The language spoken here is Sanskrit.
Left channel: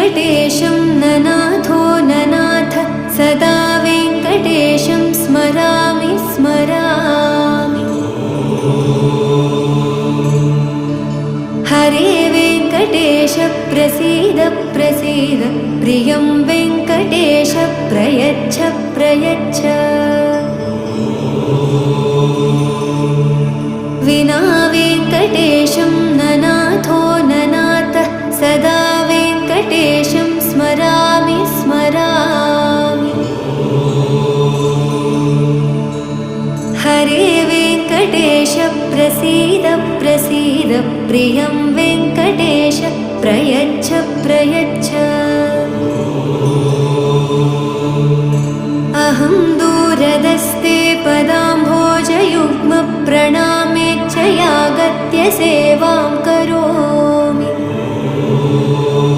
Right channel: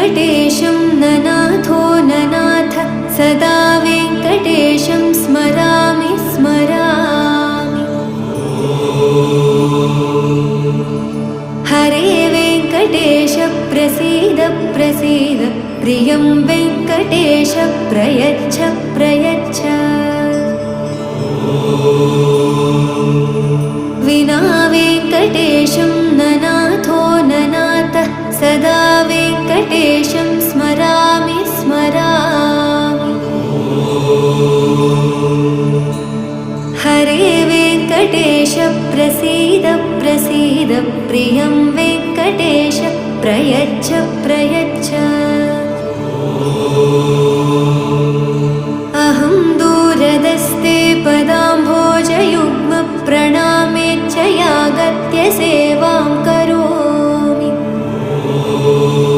वेङ्कटेशं ननाथो ननाथ सदा वेङ्कटेशं स्मरामि स्मरामि। हरे वेङ्कटेश प्रसीद प्रसीद प्रियं वेङ्कटेश प्रयच्छ प्रयच्छ। विना वेङ्कटेशं ननाथो ननाथ सदा वेङ्कटेशं स्मरामि स्मरामि। हरे वेङ्कटेश प्रसीद प्रसीद प्रियं वेङ्कटेश प्रयच्छ प्रयच्छ। अहं दूरदस्ते पदाम्भोजयुग्म प्रणामेच्छ यागत्य सेवां करोमि।